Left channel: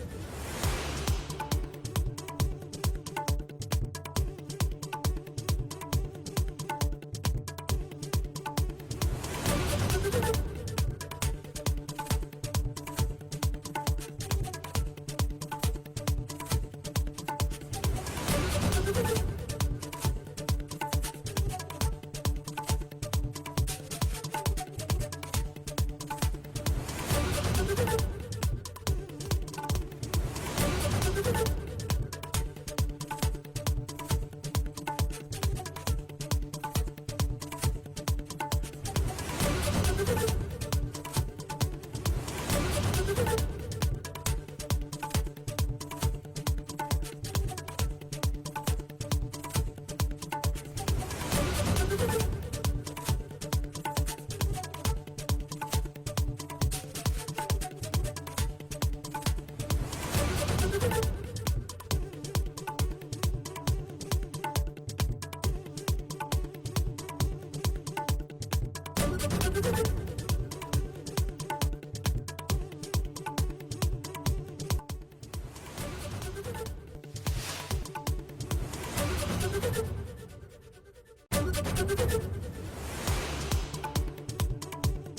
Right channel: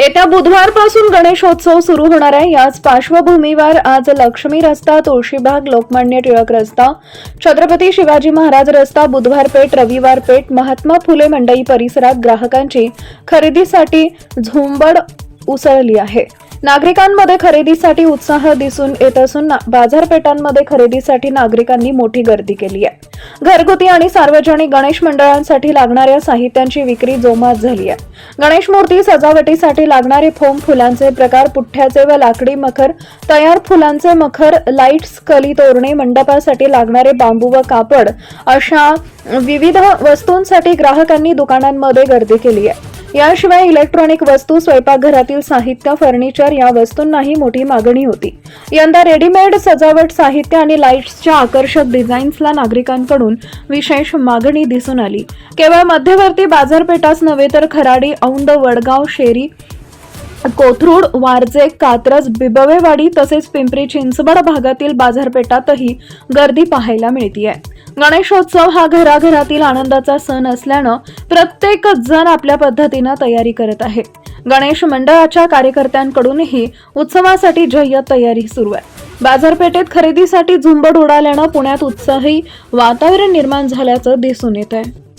येत्या बुधवारपासून गणेशोत्सव सुरू होणार आहे. याच पार्श्वभूमीवर आज लक्ष्मी रस्ता तुळशीबाग लोकमान्य टिळक रस्ता छत्रपती शिवाजी महाराज रस्ता बुधवार पेठ रविवार पेठ महात्मा फुले मंडई परिसरात ग्राहकांची खरेदीसाठी झुंबड उसळली आहे. नागरिकांमध्ये खरेदीसाठी उत्साह दिसून येत असून बाजारपेठांमध्ये खरेदीसाठी नागरिकांनी मोठी गर्दी केली आहे. घरगुती आणि सार्वजनिक गणेश मंडळांसाठी लागणाऱ्या साहित्यांची विक्री जोमात झाली आहे. गणेश मूर्ती सजावटीसाठी लागणारे फोम फुलांचे प्रकार पुठ्ठ्याचे व लाकडी मखर तयार फुलांचे मखर लाईट्स कली तोरणे मंडपासाठी लागणारे बांबू व कापड अशा विविध वस्तूंसाठी ग्राहकांनी दुकानांमध्ये गर्दी केली आहे. याशिवाय इलेक्ट्रॉनिक वस्तू स्वयंपाकघरातील साहित्य फर्निचर या वस्तूंनाही मोठी मागणी होती. यंदा रेडीमेड सजावट साहित्य आणि लाईट्सच्या आकर्षक डिझाईन्सला नागरिकांकडून विशेष मागणी दिसून आली. केवळ मध्यवर्ती बाजारपेठाच नव्हे तर खराडी औंड वडगाव शेरी कोथरूड वारजे कात्रज बिबवेवाडी तसेच पिंपरी चिंचवड भागातील बाजारपेठातही गर्दी पाहायला मिळतीये. गणेशोत्सव हा घराघरातील आनंदाचा सण असल्यानं प्रत्येक जण आपल्या पद्धतीनं तयारी करत आहे. गणेश मंडळाच्या कार्यकर्त्यांकडूनही उत्सवासाठी जय्यत तयारी सुरू आहे. बाजारपेठेत खरेदीसाठी झुंबड उडाल्यानं पुण्यात उत्साही वातावरण निर्माण झाल्याचं दिसून येत आहे